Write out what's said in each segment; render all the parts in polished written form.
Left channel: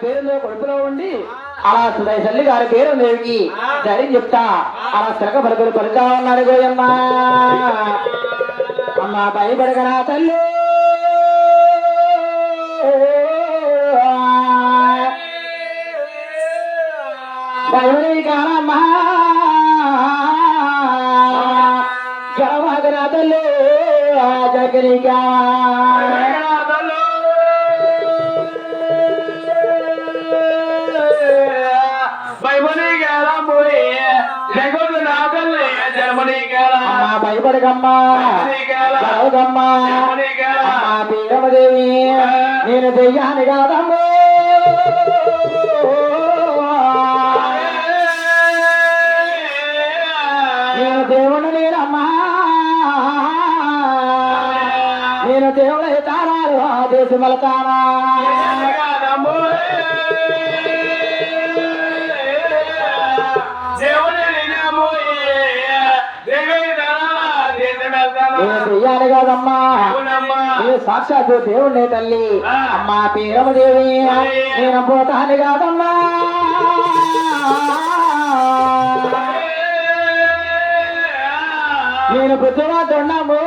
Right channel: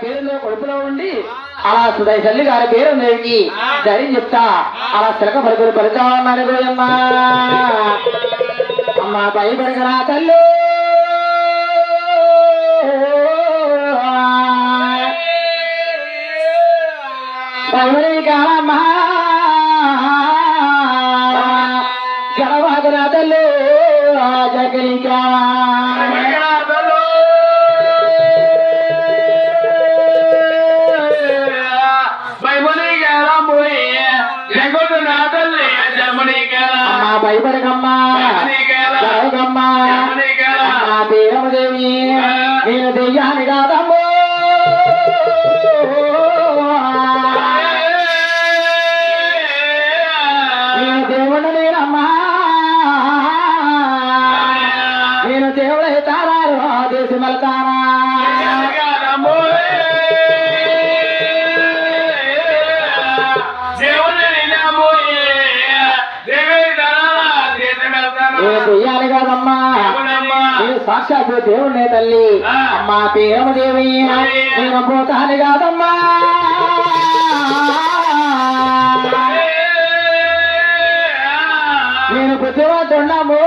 పేరులో కొడుపులో ఉండి అలా సుధై తల్లి గారి పేరు దేవికి ధైర్యం చెప్తా అలా చిలక పలుకులు పలుకుతామన్నారు గోయమ్మ. అమ్మ భయపడగనా తల్లి భయపడి కానమ్మా గడవాగనా తల్లి జగనికా భయపడకమ్మా జరగమ్మా పీరమదేవి నేను దెయ్యాన్ని కాదమ్మో నేను దేవుడు నేనమ్మా నేను దేవుడే తారారు దేశం వెళతానా చెయ్యాలి కాదమ్మా నేను సాక్షాత్ దేవుడే తల్లి అమ్మా పీరమదేవి నేను పోతాను కాదమ్మా నేను బుద్ధిమంతున్నాము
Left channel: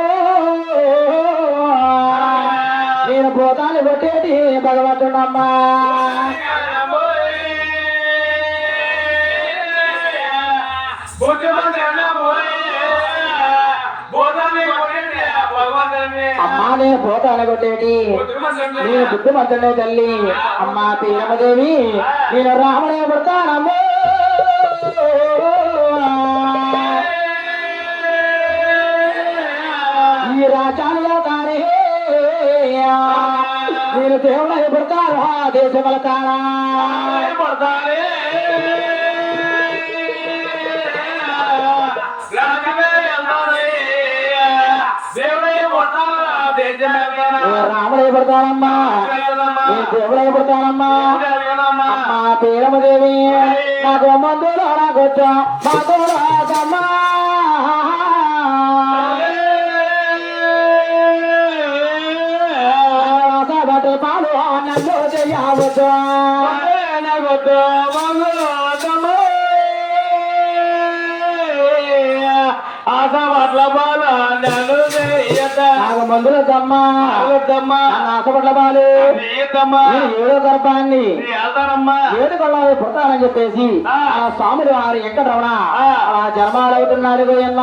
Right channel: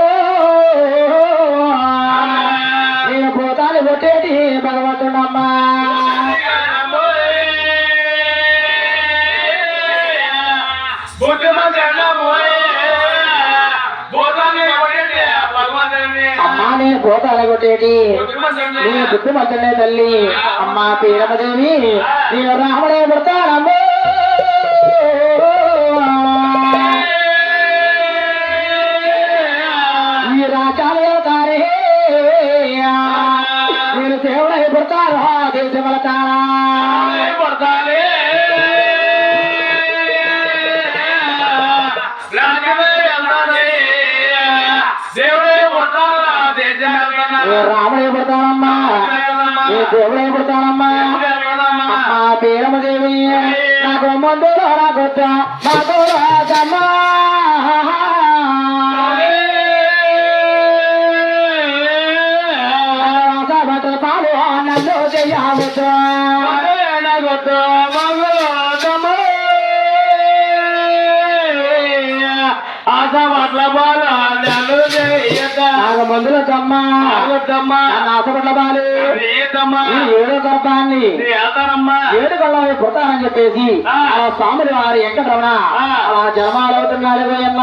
నేను పోతాను కొట్టేటి భగవంతుడమ్మా అమ్మా నేను పోతాను కొట్టేటి నేను బుద్ధిమంతుడే తల్లి అమ్మా పీరమదేవి నేను రాముడే పుడతానమ్మో ఈ రాజాలయ తారే నేను దేవుడై పుడతాను దేశం వెళతానా పడతానే రాముడే పడతానమ్మా దేవుడే పడతానమ్మా అమ్మా పీరమదేవి నాకు మందులో నాకొచ్చా నాకు రాజమ్మా బట్టల పాలు నన్ను చెయ్యవద్దు ఆశపట్ల బాలు నాకు మందుల దమ్మా ఆశపట్ల బాలు ఏడో గర్భాన్ని ఏడు కళ్ళ పుడతానని చెప్పేసి ఆ స్వాములు వారు వెంకటరమణ అలా జన్మాలవుతున్నారు గోయమ్మ.